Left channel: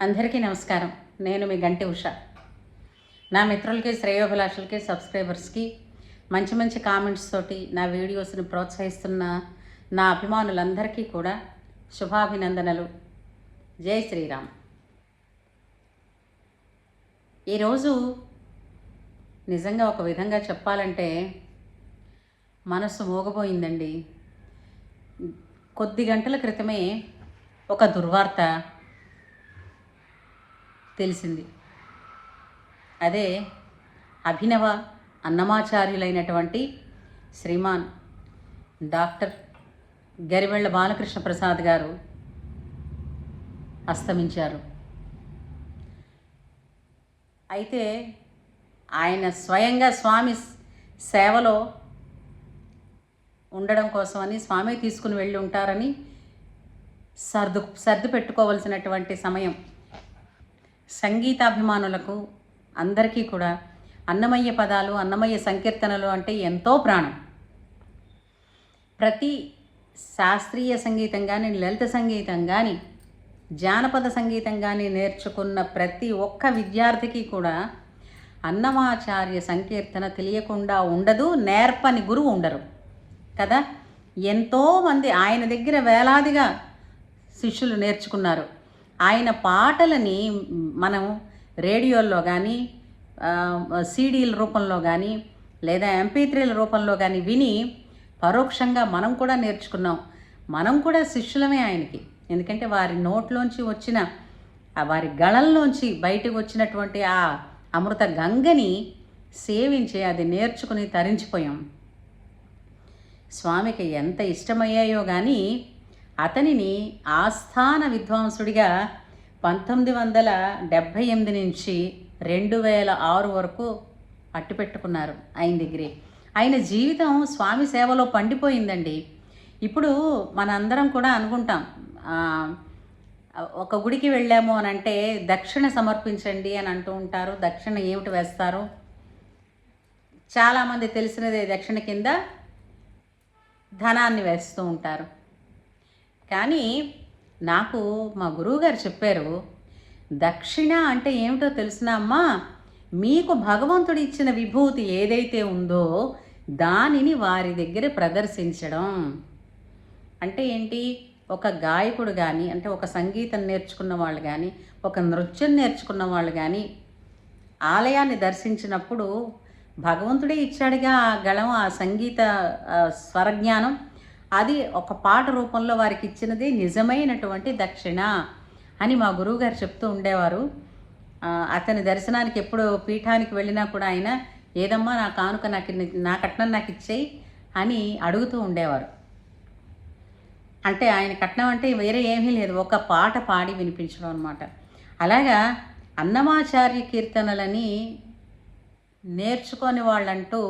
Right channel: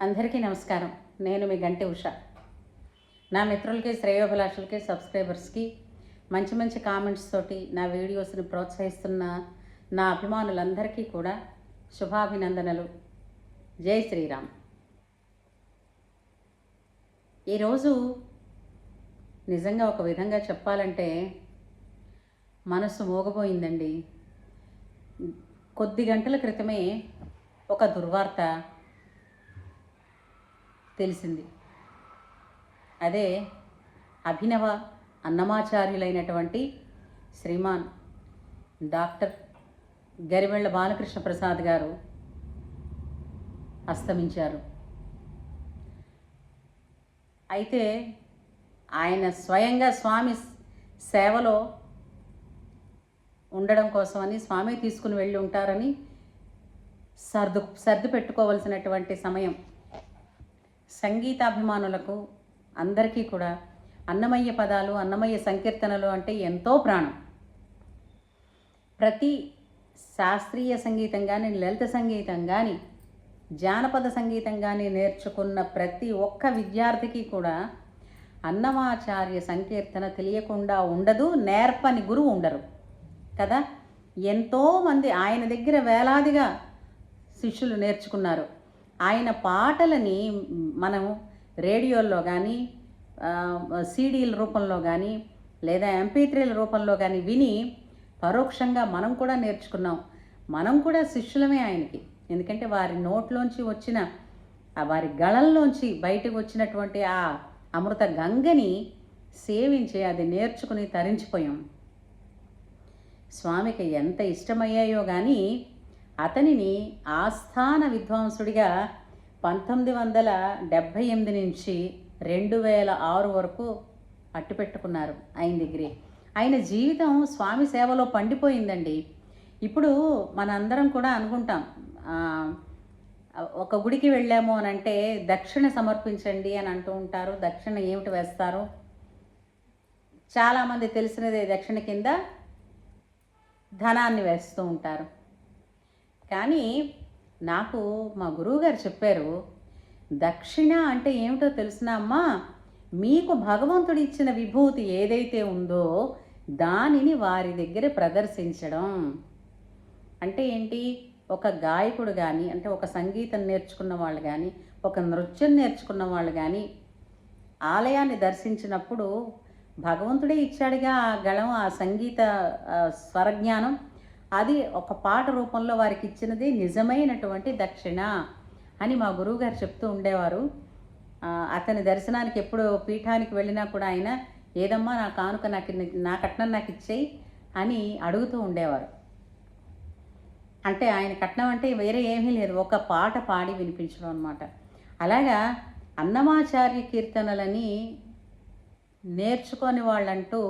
అందరికీ నమస్కారం. నేను మీ గంటి ఉష. నా మిత్రులకి, శ్రేయోభిలాషులకి, సబ్స్క్రైబర్స్కి మంచి మంచి కామెంట్స్ తోటి నా వీడియోస్ని ప్రోత్సహిస్తున్న నా అభిమానులందరికీ కూడా శుభాభినందనలు. జై శ్రీరామ్. ఈరోజు నిజంగా ఒక విధంగా చెప్పాలంటే మనసు మోగపోయిందండి. కొద్ది గంటల క్రితమే ఒక దుర్వార్త తెలిసింది. అదే అభినవ అన్నమాచార్యులైనటువంటి శ్రీమాన్ డాక్టర్ గరివెళ్ళ బాలకృష్ణ ప్రసాద్ గారు అస్తమించారు. అయితే ఆయన స్వయంగా స్వామి సేవలో ఉండడం కోసమని స్వామి తీసుకుని వెళ్ళి ఉంటారని సర్దు పెట్టుకోవలసినటువంటి సమయం. సంగీతాభిమానులకు అందరికీ కూడా అన్నమయ్య పదాలు, అన్నమయ్య సంకీర్తనలు అంటే ఎంతో ప్రాణం. ప్రతి శాస్త్రీయ సంగీతం కానీ, లలిత సంగీతం కానీ, జానపద సంగీతం కానీ నేర్చుకున్న ప్రతి ఒక్క విద్యార్థికి కూడా అన్నమాచార్య సంకీర్తన తెలియకుండా ఉండదు, నేర్పని గురువు ఉండరు కదా. ఎంతోమంది ఆయన దగ్గర వేలాదిగా శిష్యులు నేర్చుకున్నారు. ఆయన పాటలని మనం రేడియోల్లో కానీ, సీడీల రూపంలో కానీ, లేదా MP3ల రూపంలో కానీ విని పరోక్షంగా మనం కూడా నేర్చుకున్నాం. మనం కూడా శిష్యులమే ఆయనకి. ఎందుకంటే వారి నోట్లోంచి వచ్చిన, వారి గళంలోంచి బయటకు వచ్చినటువంటి ఆ అమృత గంగని సేవించి అది నేర్చుకుని తరించిపోయాం. స్వామికి ఎంత ఇష్టమయ్యాయో కానీ అతనిని ఆస్థాన విద్వాంసుడిగా 1978 నుంచి 2006 వరకు అట్టిపెట్టుకున్నారు ఆయన దగ్గరే. ఆయన జీవితం స్వామి సేవలో పండిపోయిందండి. ఇప్పుడు మనందరం కూడా అనుకుంటాం, ఒక గుడికి వెళ్ళాము అని అంటే దక్షిణ సమర్పించండి అని అంటూ ఉంటారు. దక్షిణ ఏమిటి వేస్తారు? చాలామంది తెలిసినదే, దక్షిణ కింద ధనాన్ని వేస్తూ ఉంటారు. కానీ నాకు మా గురువుగారు చెప్పారు, దక్షిణ అంటే ఏమిటో తెలిసినా అమ్మా, మీకు భగవంతుడు ఇచ్చిన విభూతి ఏదైతే ఉందో దానిని వారి దగ్గర ప్రదర్శించడం. అంటే ఏంటి? ఒక గాయకుడు కానీ, అంటే ఒక సంగీతం నేర్చుకున్న వాళ్ళు కానీ, ఒక నృత్యం నేర్చుకున్న వాళ్ళు కానీ ఆలయాన్ని దర్శించినప్పుడు భగవంతుడే ఇచ్చాడుగా ఆ గళం, ఆ సంగీత స్వరజ్ఞానం, అది ఒక పాట రూపంలో వారికి ఇచ్చినది నిజమైనటువంటి దక్షిణ అని మా గురువుగారు చెప్తూ ఉండేవారు. అతని దర్శనానికి ఎప్పుడు పీఠానికి వెళ్ళినా కూడా ఆయన, ఏదమ్మా నా కానుక నా కట్నం నాకు ఇచ్చేయి అని అడుగుతూ ఉండేవారు. అంటే ఆయన కట్నం అంటే వేరే ఏమీ లేదు, ఒక పాట పాడి వినిపించడం అనమాట. అలాగా అన్నమాచార్య కీర్తనలని నేర్చుకొని వాళ్ళంటూ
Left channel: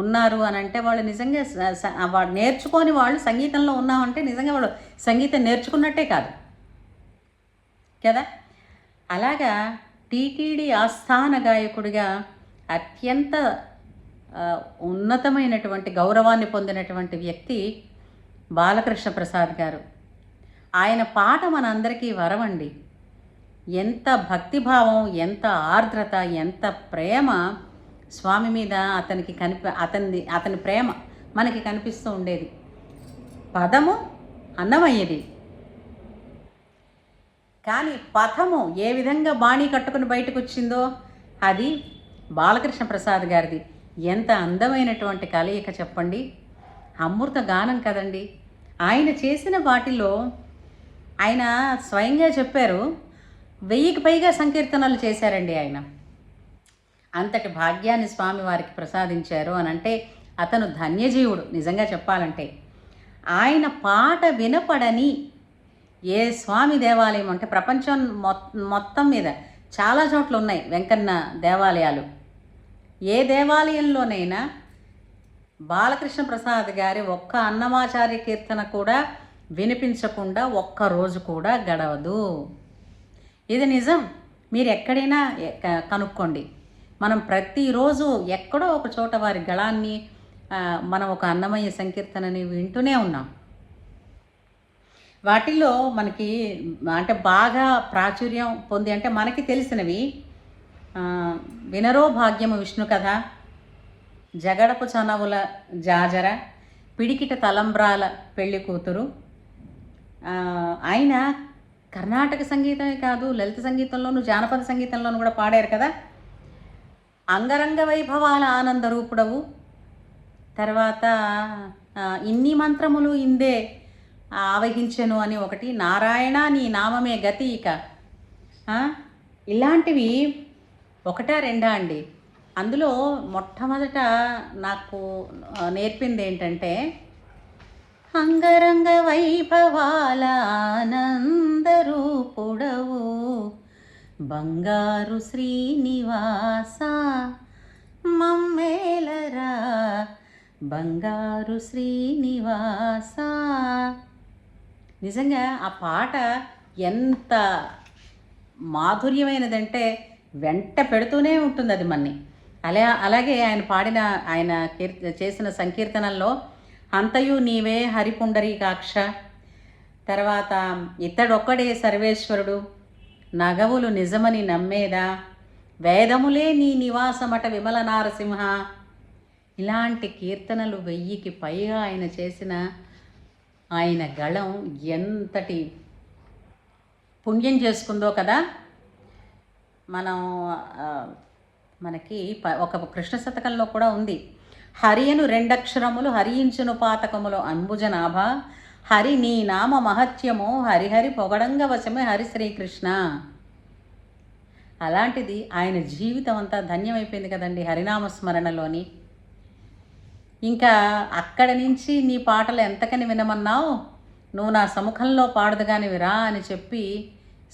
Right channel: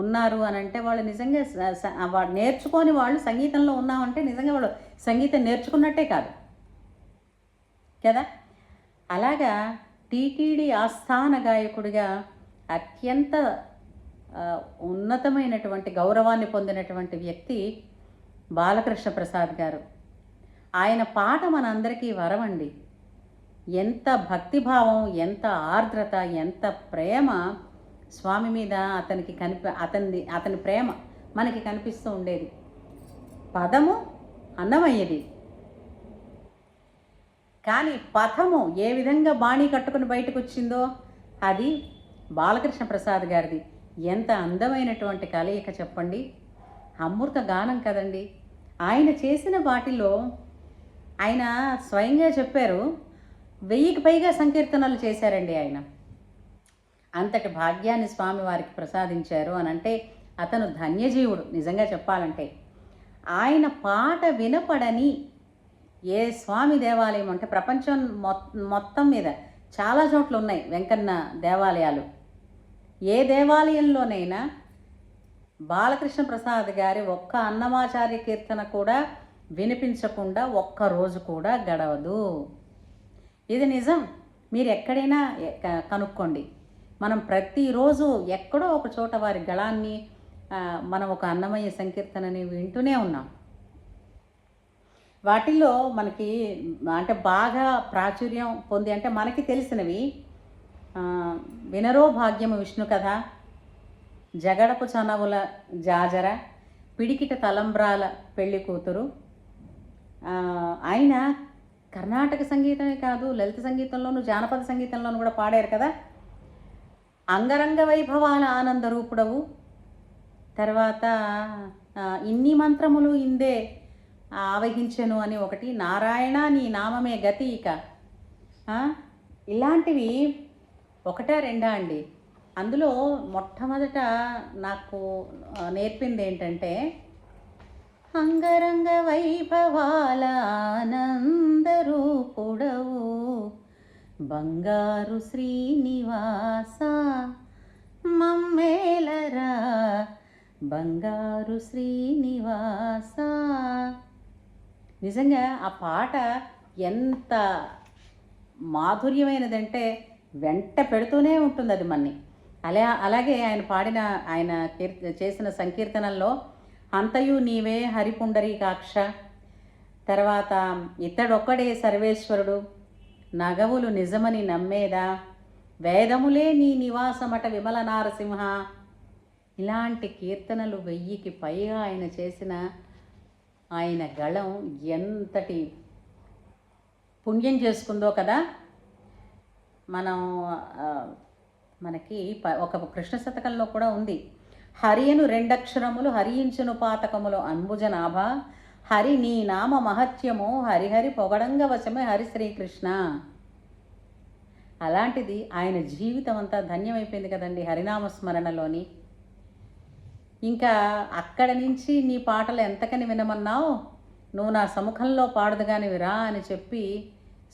ఉన్నారు అని అంటే వాళ్ళు నిజంగా వాళ్ళు నేర్చుకొని వాళ్ళు సంగీతంలో ఉన్నామంటే నిజంగా వాళ్ళు సంగీతం నేర్చుకున్నట్టే కాదు కదా. అలాగా టీటీడీ ఆస్థాన గాయకుడిగా అత్యంత ఉన్నతమైనటువంటి గౌరవాన్ని పొందినటువంటి వ్యక్తి బాలకృష్ణ ప్రసాద్ గారు. ఆయన పాట మనందరికీ వరమండి. ఎంత భక్తిభావం, ఎంత ఆర్ద్రత, ఎంత ప్రేమ స్వామి మీద అతనికి అతని ప్రేమ మనకి కనిపిస్తూ ఉండేది. పదము అన్నమయ్యది, కానీ పథము ఏ విధంగా బాణీ కట్టుకుని బయటకు వచ్చిందో అది బాలకృష్ణ ప్రసాద్ గారిది. ఎంత అందమైనటువంటి కలయిక చెప్పండి. అమృత గానం కదండి. ఆయన చేసిన వాటిలో ఆయన స్వయంగా చెప్పారు, 1000కి పైగా సంకీర్తనలు చేశారండి ఆయన. అంతటి భాగ్యాన్ని స్వామి వారికి ప్రసాదించారు అని అంటే అతను ధన్యజీవుడు. నిజంగా చెప్పాలంటే ఆయన పాట వినపడని ఏ స్వామి దేవాలయం అంటే ప్రపంచం మొత్తం మీద చాలా చోట్ల ఉన్నాయి వెంకన్న దేవాలయాలు. ఏ దేవాలయంలోనైనా బాలకృష్ణ ప్రసాద్ గారి ఒక్క అన్నమాచార్య కీర్తన కూడా వినిపించకుండా ఒక్క రోజు కూడా గడవదు. ఇది నిజం. మీరు ఎక్కడైనా కనుక్కోండి. మనం ప్రతిరోజు ఎక్కడో ఒక చోట వారి గళాన్ని, మనం ఒక అన్నమయ్య సంకీర్తనని వింటూనే ఉన్నాం. వాటిల్లో మనకి అంటే బాగా ప్రాచుర్యం పొంది అంటే మనకి తెలిసినవి వినరో భాగ్యము విష్ణు కథ, జగడపు చనవుల జాజర, పిడికిట తలంబ్రాల పెళ్లి కూతురు. ఆయన కర్ణాటక సంగీతమే కాదు, లలిత సంగీతంలోను జానపద సంగీతంలోను కూడా పాడారు కదా. అంగరంగ వైభవాల ఆనంద రూపుడవు. తర్వాత ఇన్ని మంత్రములు ఇందే ఆవహించెను అని ఒకటి, నారాయణ నీ నామమే గతి ఇక. ఇలాంటివి ఒకటా రెండా అండి. అందులో మొట్టమొదట నాకు నేర్పింది ఏంటంటే, అంగరంగ వైభవాల ఆనందరూపుడవు బంగారు శ్రీనివాస మమ్మేలరా బంగారు శ్రీనివాస. నిజంగా ఆ పాట ఎంత మాధుర్యమైనదంటే వెంట పెడుతూనే ఉంటుంది అది మన్ని. అలాగే ఆయన పాడిన ఆయన చేసిన సంకీర్తనల్లో అంతయు నీవే హరిపుండరీకాక్ష, తర్వాత ఇతడొక్కడే సర్వేశ్వరుడు, నగవులు నిజమని నమ్మేదా, వేదములే నీ నివాసమట విమల నారసింహ, ఇలాంటి కీర్తనలు 1000కి పైగా ఆయన చేసిన ఆయన గళం ఎంతటి పుణ్యం చేసుకుందో కదా. మనకి ఒక కృష్ణ శతకంలో కూడా ఉంది, హరియను 2 అక్షరములు హరించును పాతకములు అంబుజనాభ, హరి నీ నామ మహత్యము హరిహరి పొగడంగ వశమే హరి శ్రీకృష్ణ. అలాంటిది ఆయన జీవితం అంతా ధన్యమైపోయింది కదండి హరినామస్మరణలోని. ఇంకా అక్కడ నుంచి నీ పాటలు ఎంతకని వినమన్నావు, నువ్వు నా సముఖంలో పాడదుగానివిరా అని చెప్పి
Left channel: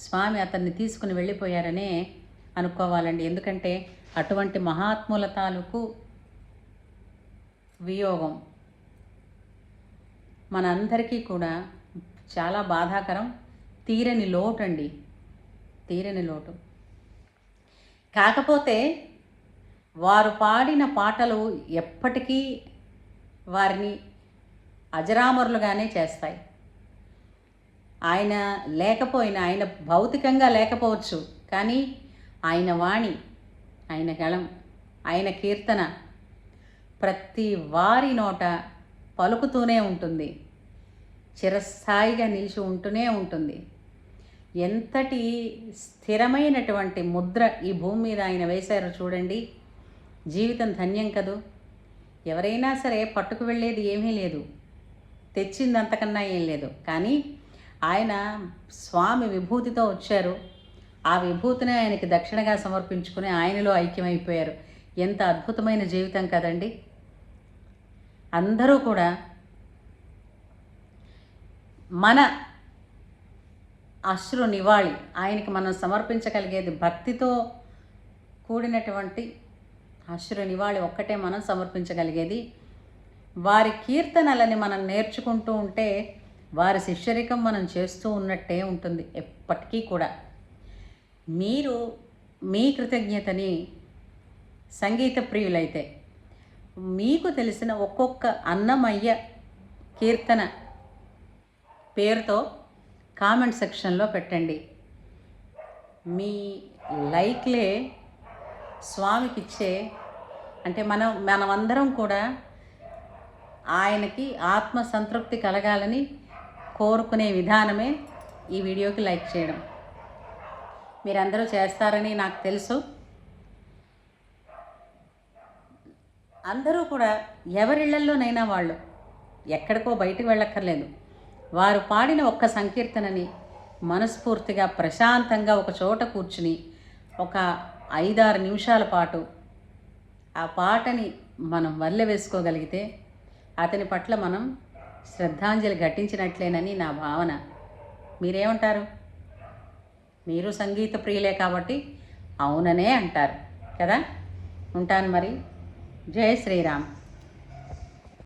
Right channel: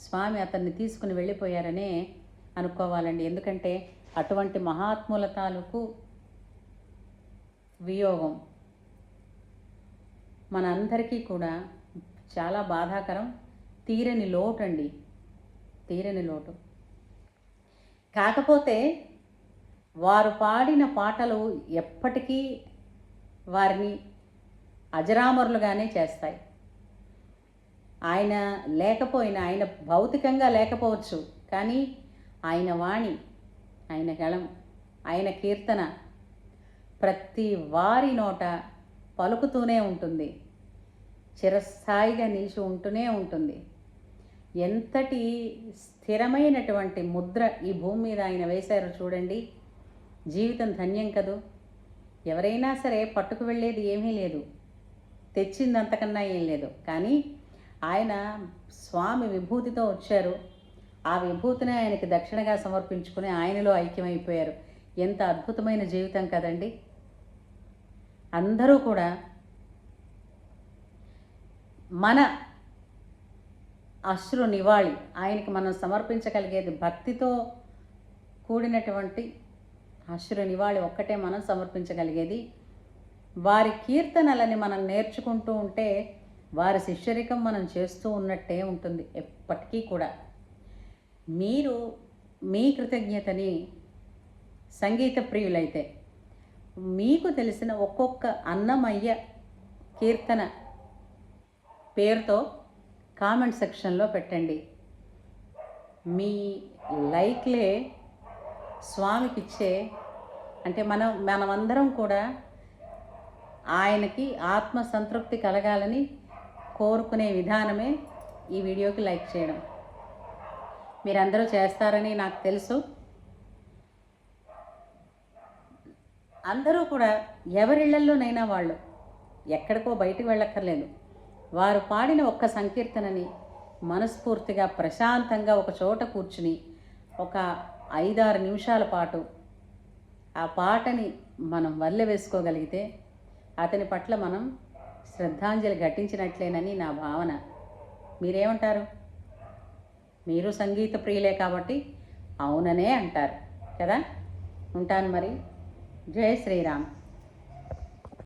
స్వామి అతన్ని తీసుకుని వెళ్ళిపోయారనే అనుకోవాలండి. ఎందుకంటే అటువంటి మహాత్ముల తాలూకు వియోగం మనందరికీ కూడా చాలా బాధాకరం, తీరని లోటు అండి, తీరని లోటు. కాకపోతే వారు పాడిన పాటలు ఎప్పటికీ వారిని అజరామరులుగానే చేస్తాయి. ఆయన లేకపోయినా, ఆయన భౌతికంగా లేకపోవచ్చు, కానీ ఆయన వాణి, ఆయన గళం, ఆయన కీర్తన ప్రతి వారి నోట పలుకుతూనే ఉంటుంది, చిరస్థాయిగా నిలిచి ఉంటూనే ఉంటుంది. ఎంతటి స్థిరమైనటువంటి ముద్ర ఈ భూమి మీద ఆయన వేశారో చూడండి. జీవితం ధన్యం కదూ. ఎవరైనా సరే పట్టుకు వెళ్ళేది ఏమీ లేదు, తెచ్చింది అంతకన్నా ఏం లేదు. కానీ ఆయన స్వామి విభూతితో వచ్చారు, ఆ విభూతిని ఆయనకి దక్షిణగా సమర్పించుకుని ఆయనలో ఐక్యమైపోయారు. ఎంత అద్భుతమైన జీవితం కదండి. అందరూ కూడా మన అశ్రు నివాళి ఆయనకి మనం సమర్పించగలిగేది భక్తితో కూడినటువంటి అశ్రు నివాళి ఒక్కటే మనం సమర్పించగలిగేది. వారి కీర్తనలని మనం నేర్చుకుంటూ ఉంటే వారి శిష్యరికం మనం చేస్తూ ఉన్నట్టే ఉంటుంది ఎప్పటికీ కూడా. మీరు మీ కృతజ్ఞతని సంగీత ప్రియులైతే మీకు తెలిసిన ఒక్కొక్క అన్నమయ్య కీర్తన పేరుతో కామెంట్ సెక్షన్లో పెట్టండి. మీ లైక్లే స్వామికి ఇచ్చే, అంటే మనమందరం కూడా ఆయనకి ఆత్మ సంతృప్తి కలగాలని కోరుకునే విధానమే ఈ వీడియోకి లైక్ చేయడం. మీరందరూ చేస్తారని నాకు తెలుసు. అందరూ కూడా ఎవరిళ్లల్లోనైనా వాళ్ళు ఎక్కడికో బయటకు వెళ్ళక్కర్లేదు, వారు పాడిన ఒక్క సంకీర్తనని మనస్ఫూర్తిగా ప్రశాంతంగా ఒక చోట కూర్చుని ఒక 5-6 నిమిషాల పాటు ఆ పాటని మనం వల్లె వేసుకోగలిగితే అతని పట్ల మనం శ్రద్ధాంజలి ఘటించినట్లేనని నా భావన. మీరేమంటారు? మీరు సంగీత ప్రియులే కాబట్టి అవుననే అంటారు కదా. ఉంటాను మరి. జై శ్రీరామ్.